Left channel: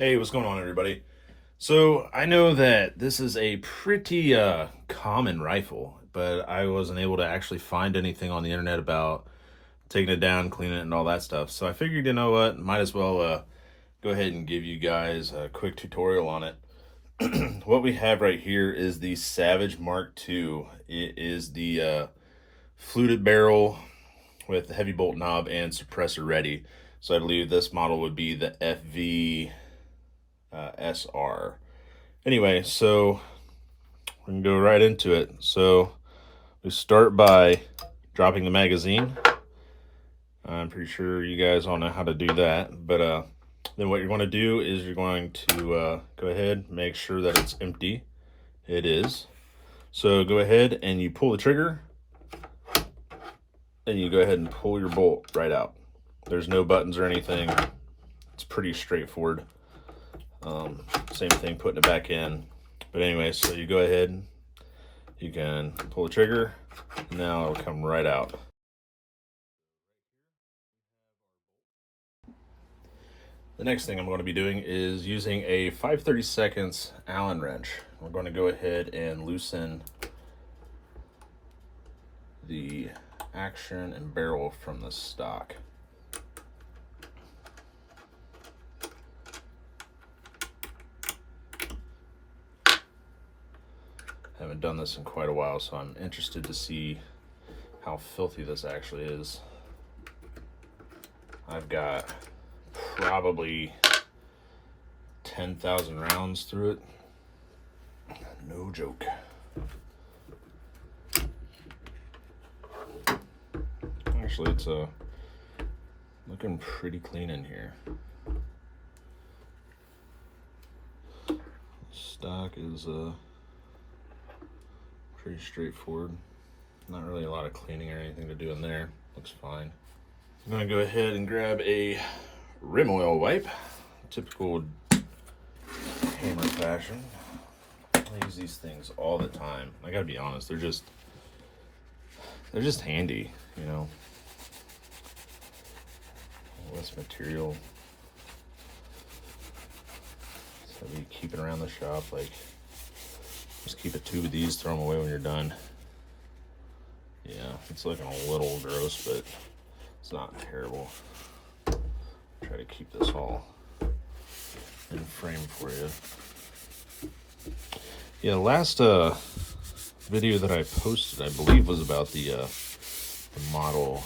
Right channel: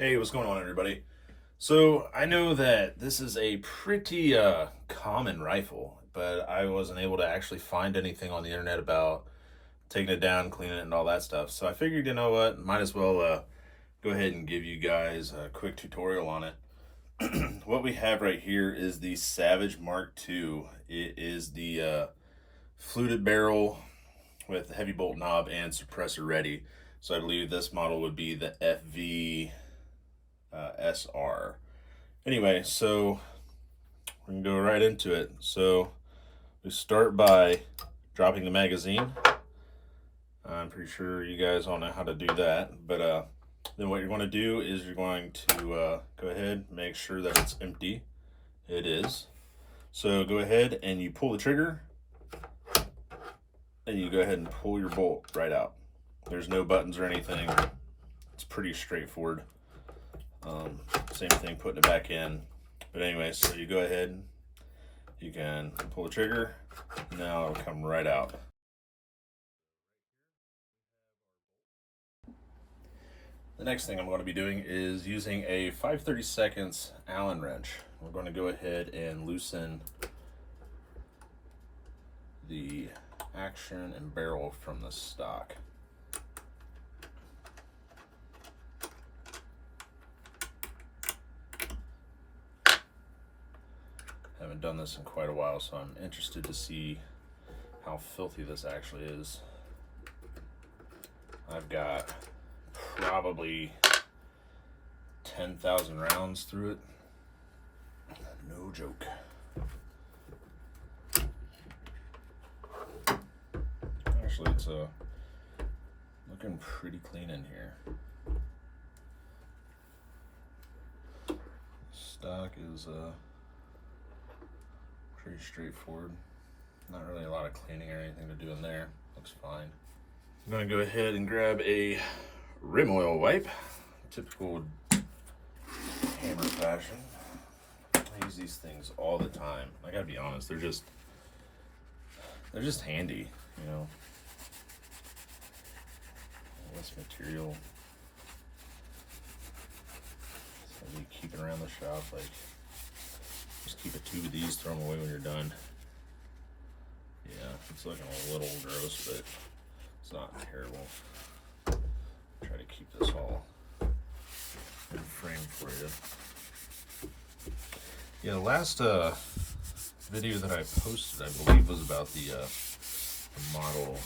Hey, what's going on, everybody? So I know that this is a pretty common rifle, but I wasn't able to actually find anything on the internet about taking it down, cleaning it, and all that stuff. So I figured, you know what, might as well go ahead and give you guys a quick tutorial on it. What we have right here is the Savage Mark II. It is the fluted barrel with the heavy bolt knob and suppressor ready. So I believe this model would be the FV-SR. Anyway, so we can go right into it. So we start by dropping the magazine. I'm pretty sure you guys all know how to do that, but then what you're going to do is you're going to go ahead, make sure that it's empty. It is. So go ahead and you pull the trigger, and you go ahead and pull your bolt right out. There's no buttons or anything. It's pretty straightforward. Same thing putting it back in. But anyway, so you go ahead, you can pull the trigger, now it'll come right out. The next thing I'm going to be doing is using a 5/32 Allen wrench. We're going to go ahead and loosen the action and barrel from the stock. Haven't done this in quite a while, so I'm interested to see how filthy this actually is. I've got probably 10,000 rounds through it. No joke. Actually, it's looking pretty clean in here. Stock is pretty straightforward. Not really a lot of cleaning or anything to do in there. Looks fine. I'm gonna go ahead and grab a rim oil wipe, typical hammer fashion. I use these things all the time. I gotta be honest, they're just handy, you know. Less material. So you keep it around the shop, like just keep a tube of these, throw them away when you're done. Yeah, it's looking a little gross, but it's not terrible. Try to keep this all in frame for you. Yeah, the last video that I posted, I believe, was about the model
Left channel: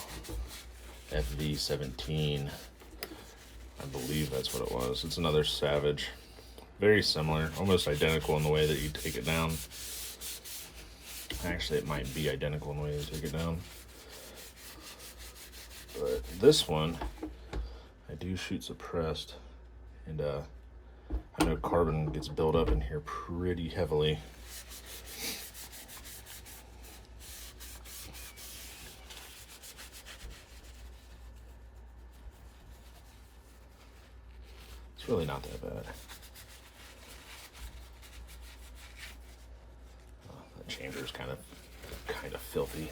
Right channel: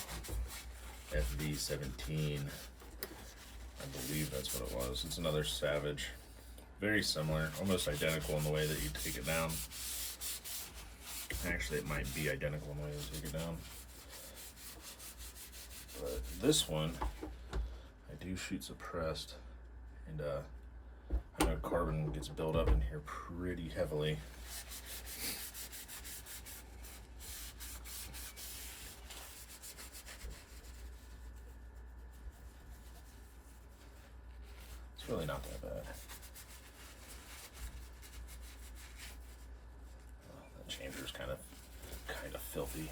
FV-17. I believe that's what it was. It's another Savage. Very similar, almost identical in the way that you take it down. Actually, it might be identical in the way you take it down. But this one, I do shoot suppressed, and I know carbon gets built up in here pretty heavily. It's really not that bad. That chamber is kind of filthy.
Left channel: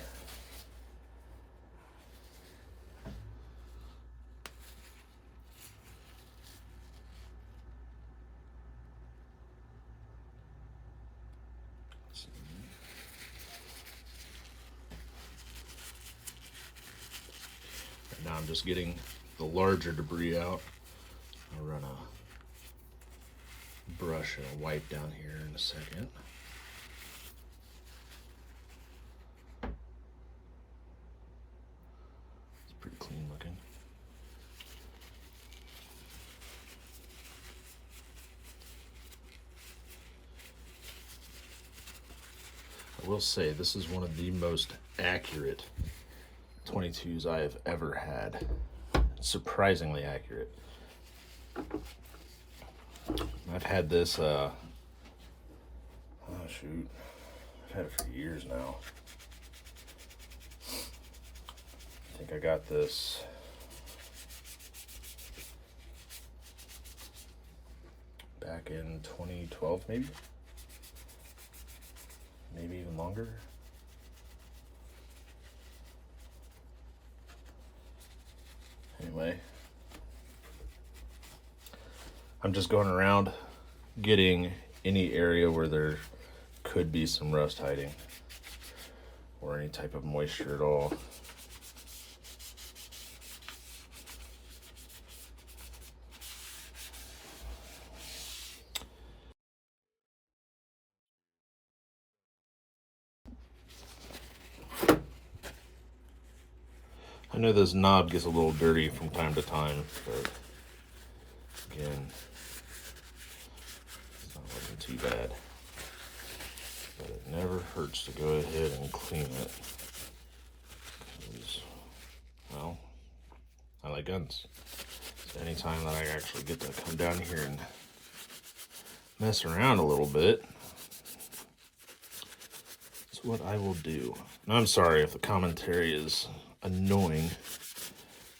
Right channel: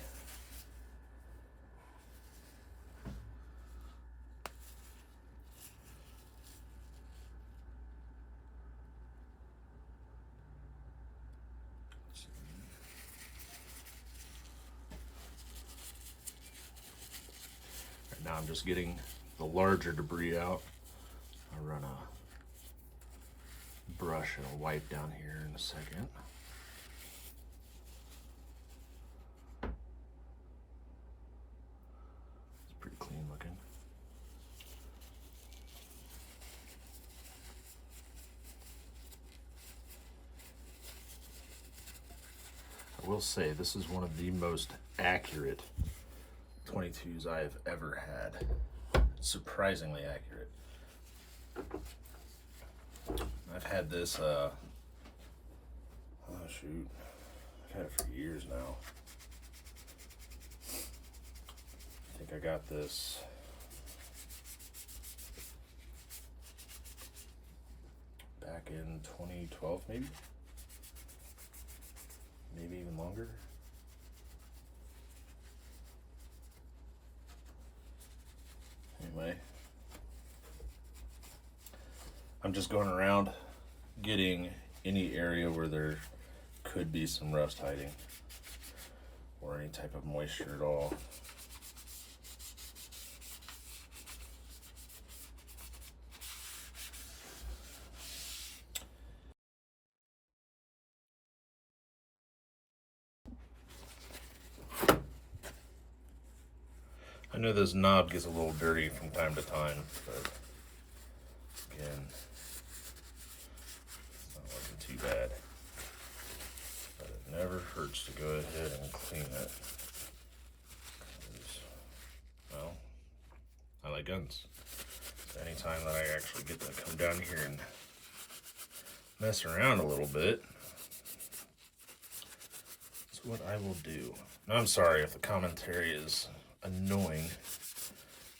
Right now I'm just getting the larger debris out. I'll run a brush and a wipe down here in a second. It's pretty clean looking. I will say this is one of the most accurate 22s I have ever had. Surprisingly accurate. I've had this, oh shoot, I've had it for years now. I think I got this back in 2012, maybe even longer. Anyway, I'm just going around getting any area where there could be some rust hiding or any type of moisture at all. I know this knob gets a little dirty from time to time, but again, it's not looking too bad. But it never hurts to go ahead and clean it. Because, well, I like guns. So anytime that I actually get to come down here and mess around a little bit, that's what I will do. And I'm sorry if the commentary is annoying.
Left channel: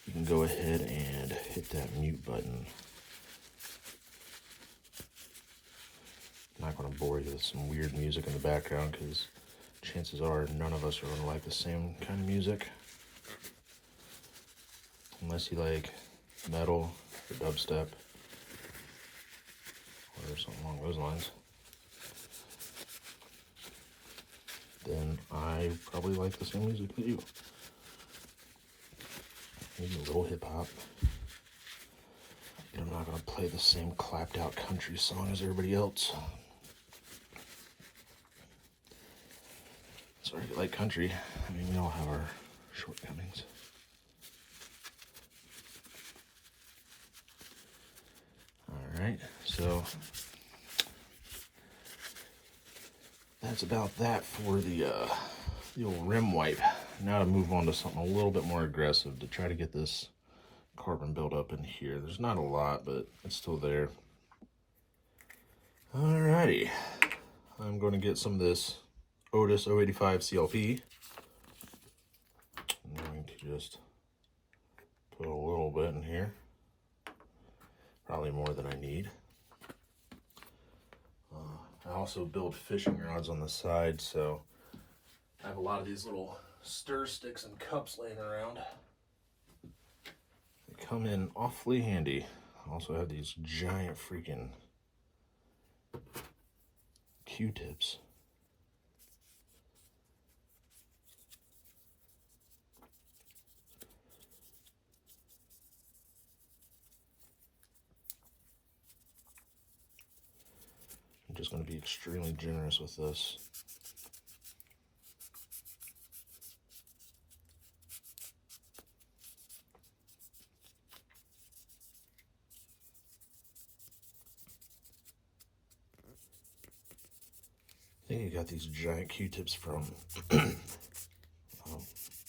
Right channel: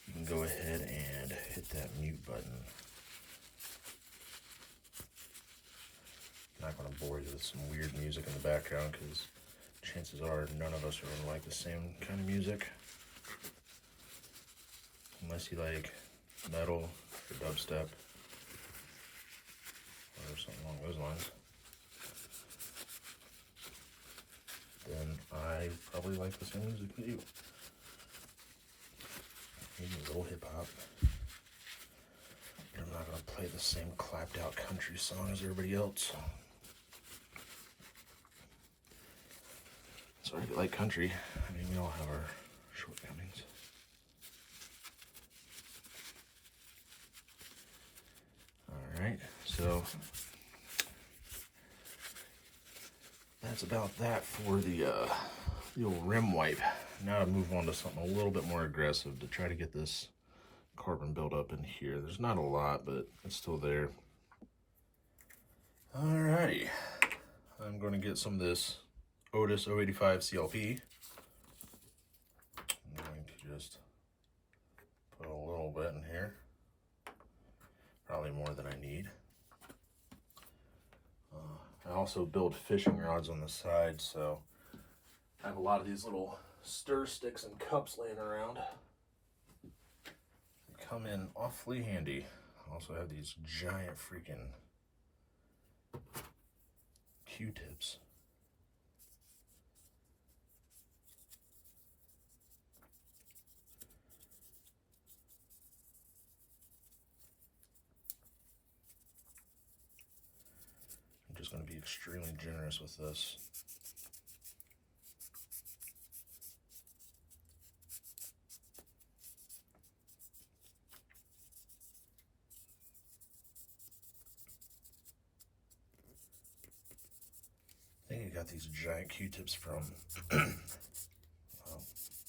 You can go ahead and hit that mute button. I'm not going to bore you with some weird music in the background because chances are none of us are going to like the same kind of music. Unless you like metal or dubstep or something along those lines. Then I probably like the same music that you. Maybe a little hip hop. I'm not going to play the same clapped out country song as everybody else. Sorry if you like country. I mean, we all have our shortcomings. Alright, so that's about that for the old rim wipe. Now to move on to something a little bit more aggressive to try to get this carbon buildup in here. There's not a lot, but it's still there. Alrighty, I'm going to get some of this Otis 085 CLP. I'm going to just put a little bit in here. Probably more than I need. I also build fishing rods on the side, so I have a lot of these little stir sticks and cups laying around. They come in awfully handy. I also have these giant freaking Q-tips. I'm just going to be extremely generous with this. I think I got these giant Q-tips from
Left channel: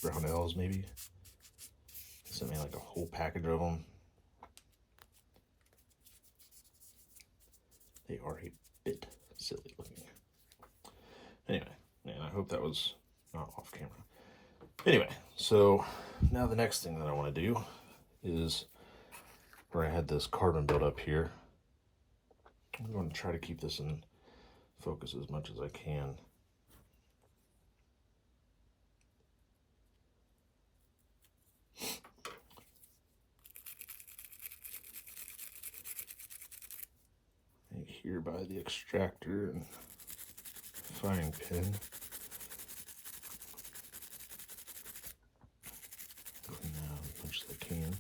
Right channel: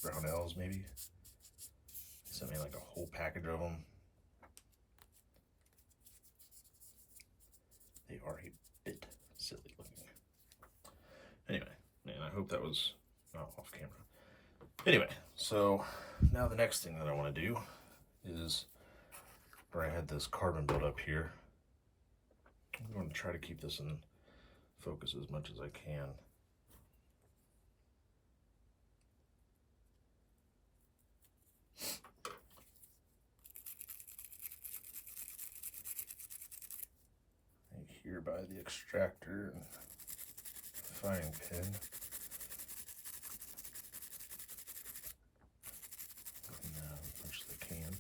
Brownells, maybe. Sent me like a whole package of them. They are a bit silly looking. Anyway, man, I hope that was not off camera. Anyway, so now the next thing that I want to do is where I had this carbon built up here. I'm going to try to keep this in focus as much as I can. Right here by the extractor and firing pin. Now push the can.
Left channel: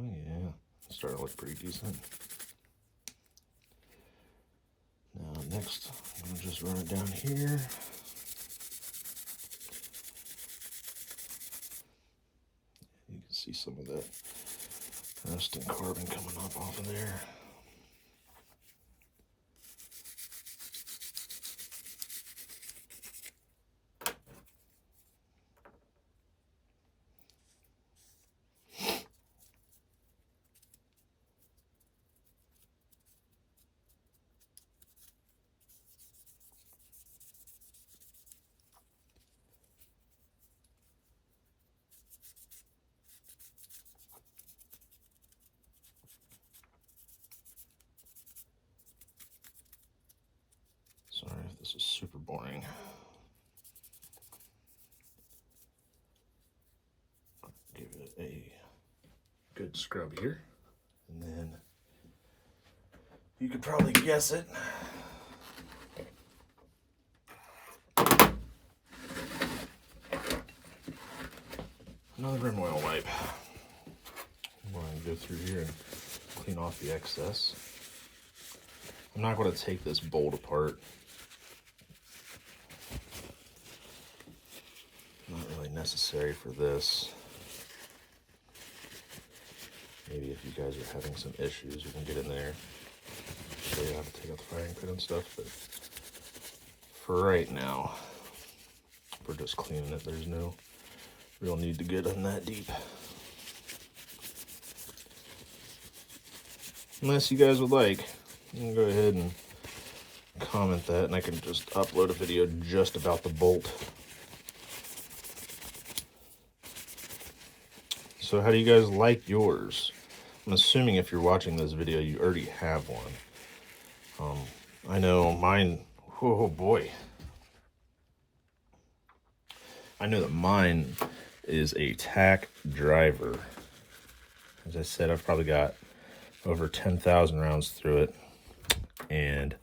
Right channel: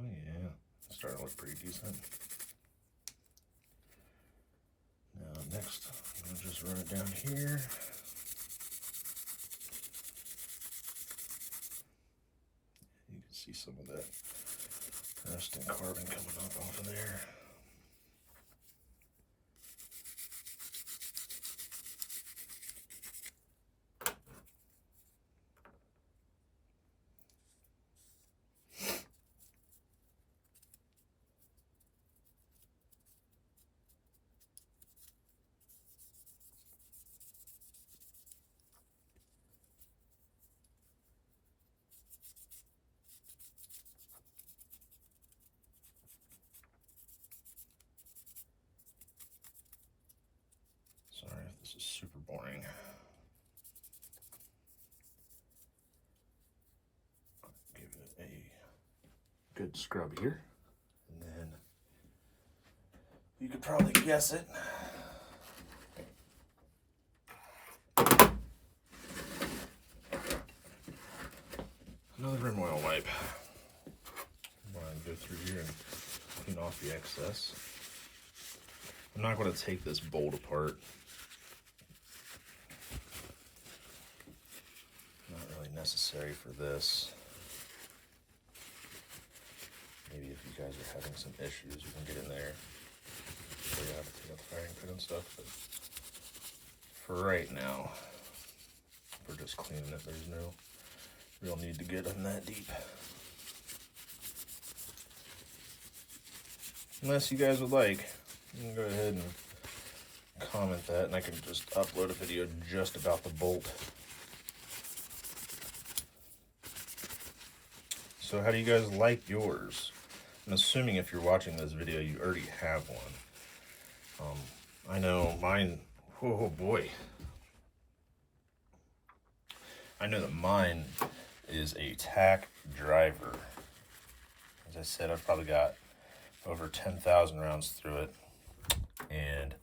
Oh yeah, starting to look pretty decent. Now next, I'm gonna just run it down here. You can see some of that rust and carbon coming up off of there. Sorry if this is super boring. give it a good scrub here, and then you could probably guess it. Another rim oil wipe. I'm going to go through here and clean off the excess. I'm not going to take this bolt apart. Not really necessary for this. Maybe if you guys are having some issues, you can get in there. So you have to take out the firing pin and stuff, but for right now, we're just cleaning it. There's no real need to get in that deep. Unless you guys would like, you can go ahead and comment that, and I can just upload a video just about the bolt. So how do you guys like yours? I'm assuming if you're watching this video, you already have one. I know mine, oh boy. I know that mine is a tack driver. As I said, I've probably got over 10,000 rounds through it. And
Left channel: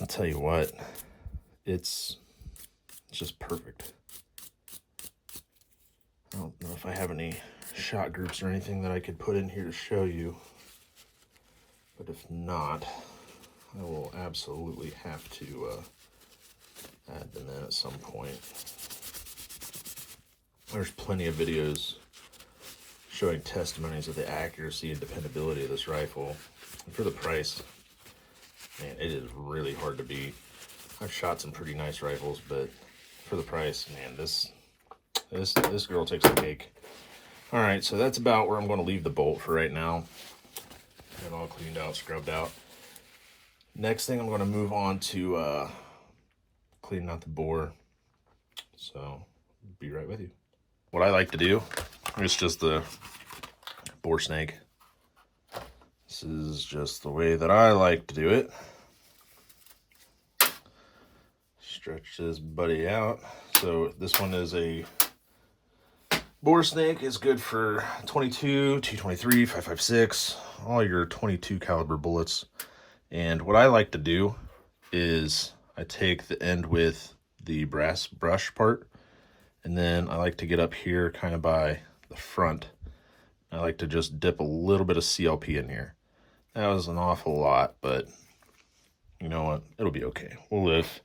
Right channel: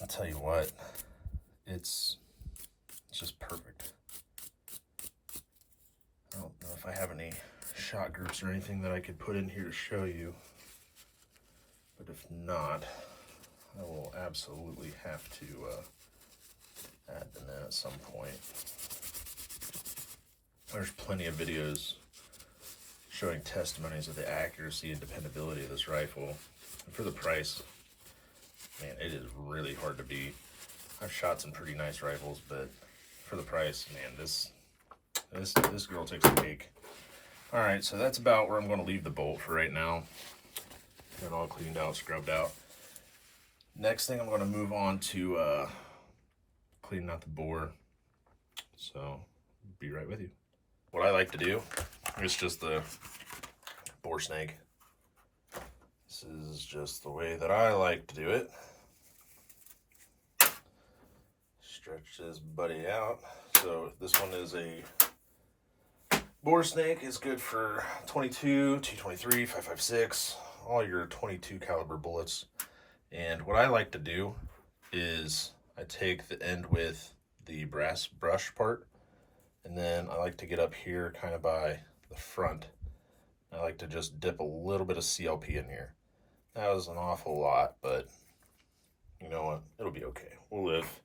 I'll tell you what, it's just perfect. I don't know if I have any shot groups or anything that I could put in here to show you. But if not, I will absolutely have to add them in at some point. There's plenty of videos showing testimonies of the accuracy and dependability of this rifle. And for the price, man, it is really hard to beat. I've shot some pretty nice rifles, but for the price, man, this girl takes the cake. All right, so that's about where I'm going to leave the bolt for right now. Got it all cleaned out, scrubbed out. Next thing, I'm going to move on to cleaning out the bore. So, be right with you. What I like to do is just the bore snake. This is just the way that I like to do it. Stretch this buddy out. So this one is a bore snake. Is good for 22, 223, 5.56, all your 22 caliber bullets. And what I like to do is I take the end with the brass brush part, and then I like to get up here kind of by the front. I like to just dip a little bit of CLP in here. That was an awful lot, but you know what? It'll be okay. We'll live.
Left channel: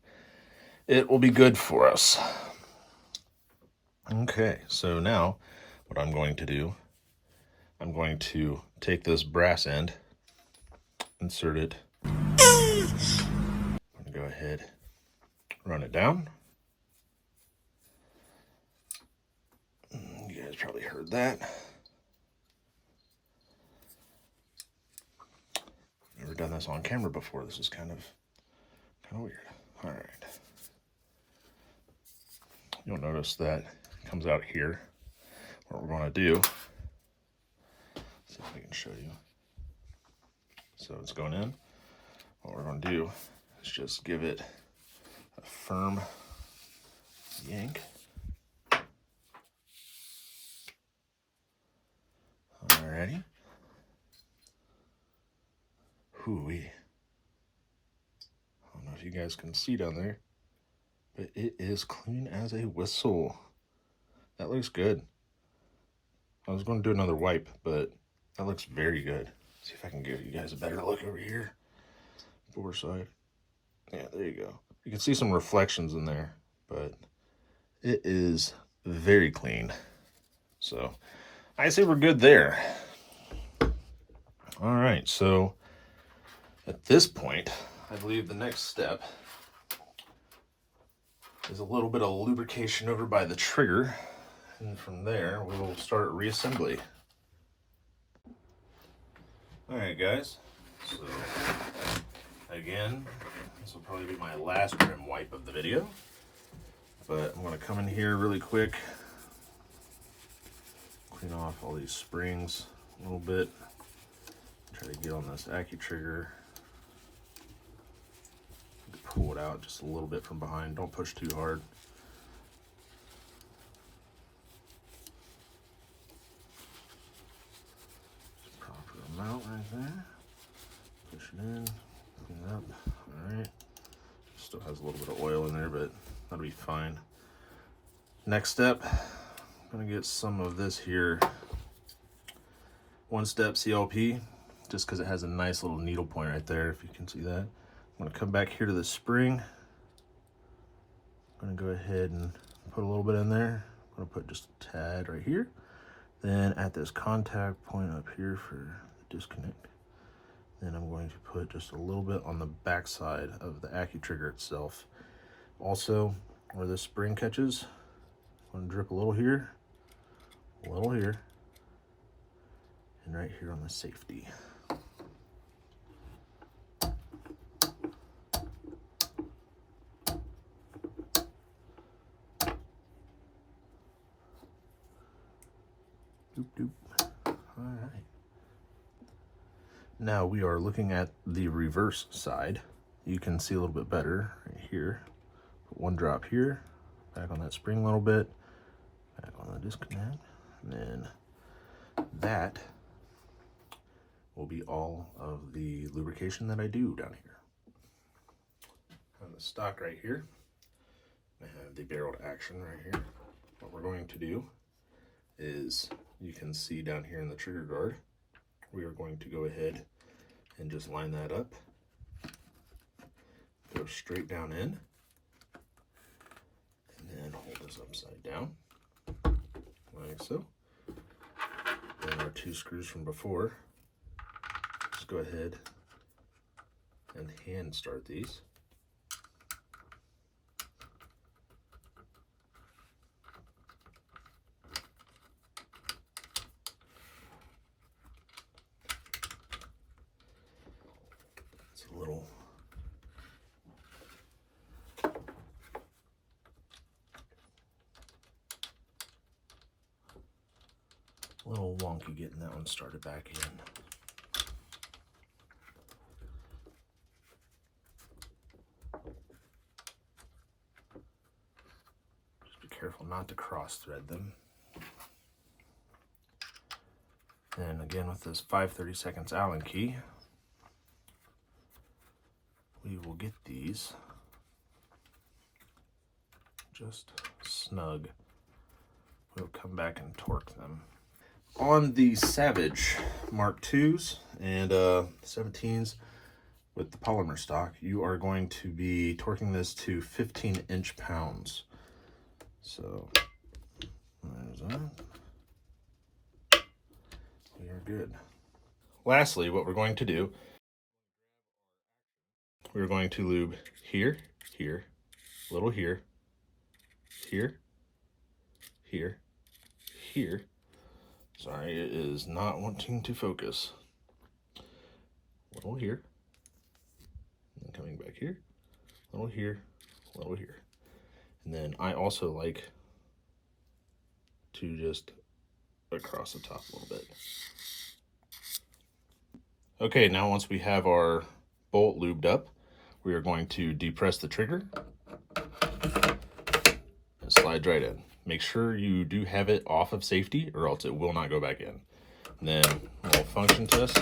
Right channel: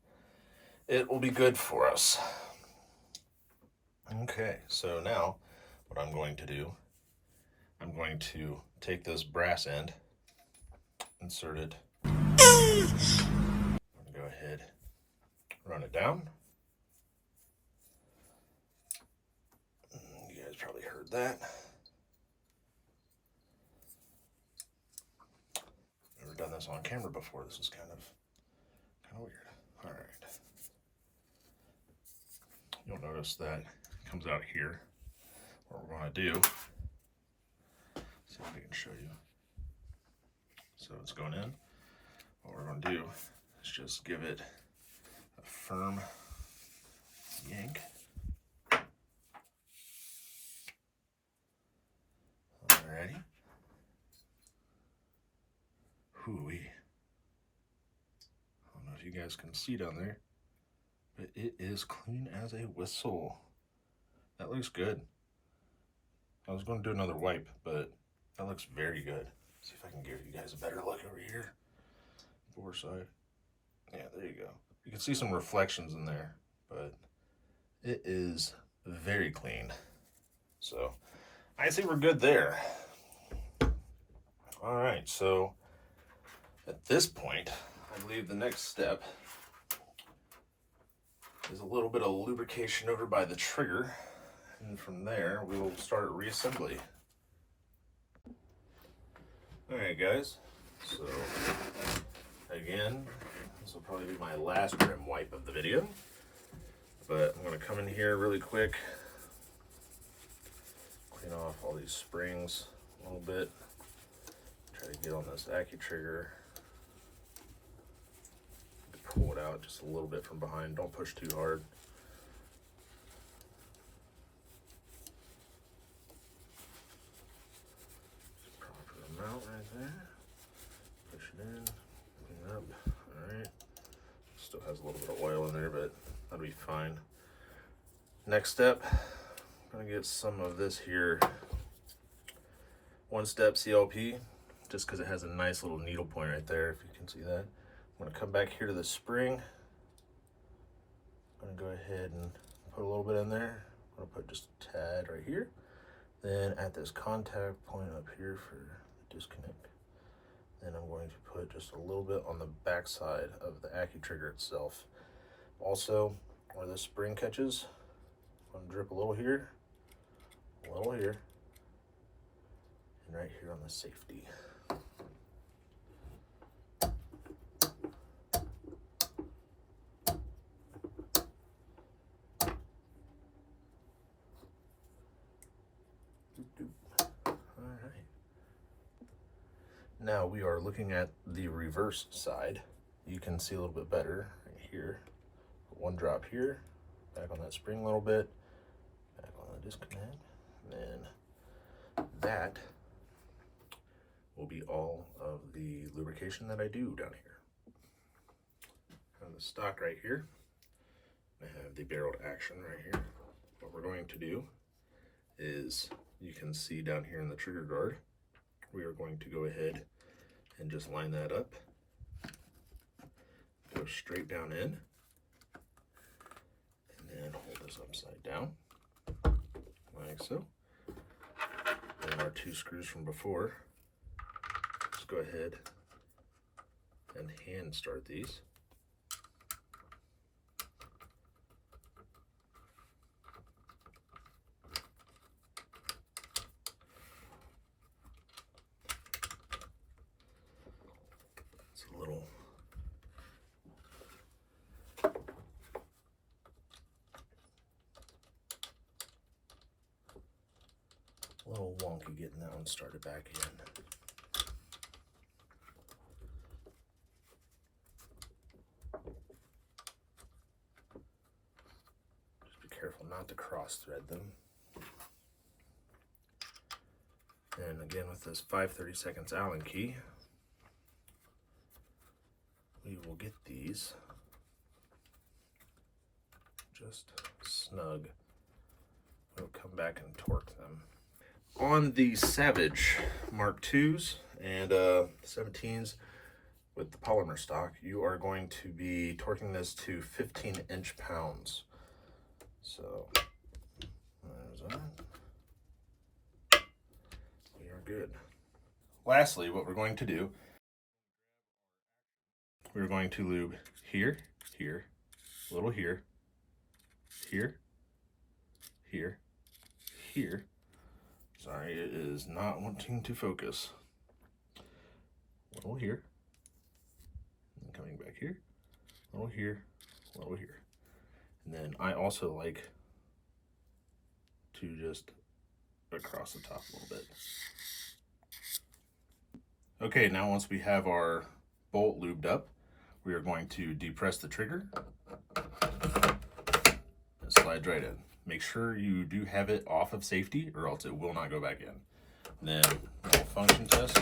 It will be good for us. Okay, so now what I'm going to do, I'm going to take this brass end, insert it, go ahead, run it down. You guys probably heard that. Never done this on camera before. This is kind of weird. All right. You'll notice that it comes out here. What we're going to do, see if I can show you. So it's going in. What we're going to do is just give it a firm yank. Alrighty. Hooey. I don't know if you guys can see down there, but it is clean as a whistle. That looks good. I was going to do another wipe, but that looks very good. See if I can give you guys a better look over here. Bore side. Yeah, there you go. You can see some reflections in there, but it is very clean. So I say we're good there. All right, so at this point, I believe the next step is a little bit of lubrication over by the trigger. And from there, we will start reassembly. All right, guys. So, again, this will probably be my last rim wipe of the video. But I'm going to come in here really quick, clean off all these springs a little bit. Try to get on this AccuTrigger. Pull it out just a little bit from behind. Don't push too hard. fine. Next step, I'm gonna get some of this here one-step CLP, just because it has a nice little needle point right there, if you can see that. I'm gonna come back here to the spring. I'm gonna go ahead and put a little bit in there. I'm gonna put just a tad right here. Then at this contact point up here for the disconnect, then I'm going to put just a little bit on the back side of the Accu-Trigger itself. Also, where this spring catches, I'm gonna drip a little here, and right here on the safety. Doop, doop. All right. Now we are looking at the reverse side. You can see a little bit better right here. Put one drop here, back on that spring a little bit, back on the disconnect, and then that will be all of the lubrication that I do down here. On the stock right here, I have the barreled action right here. What we're going to do is, you can see down here in the trigger guard, we are going to go ahead and just line that up, go straight down in, and then hold this upside down, like so. And our two screws from before, just go ahead and hand start these. It's a little wonky getting that one started back in. Just be careful not to cross thread them. And again, with this 5/32 Allen key, we will get these just snug. We'll come back and torque them. On the Savage Mark IIs and 17s with the polymer stock, you are going to be torquing this to 15 inch-pounds. So there's that. We are good. Lastly, what we're going to do, we're going to lube here, here, a little here, here, here, here. Sorry, it is not wanting to focus. A little here, and coming back here, a little here, a little here. And then I also like to just across the top a little bit. Okay, now once we have our bolt lubed up, we are going to depress the trigger and slide right in. Make sure you do have it off of safety or else it will not go back in. And then a little function test.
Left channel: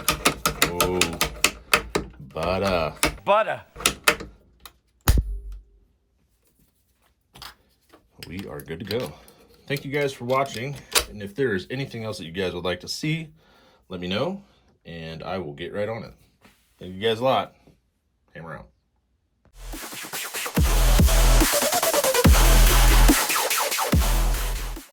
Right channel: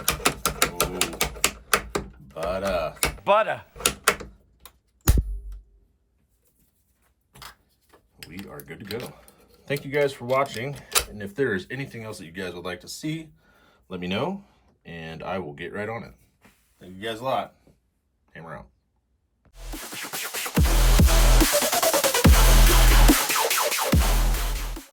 Oh, butter. We are good to go. Thank you guys for watching. And if there is anything else that you guys would like to see, let me know and I will get right on it. Thank you guys a lot. Hammer out.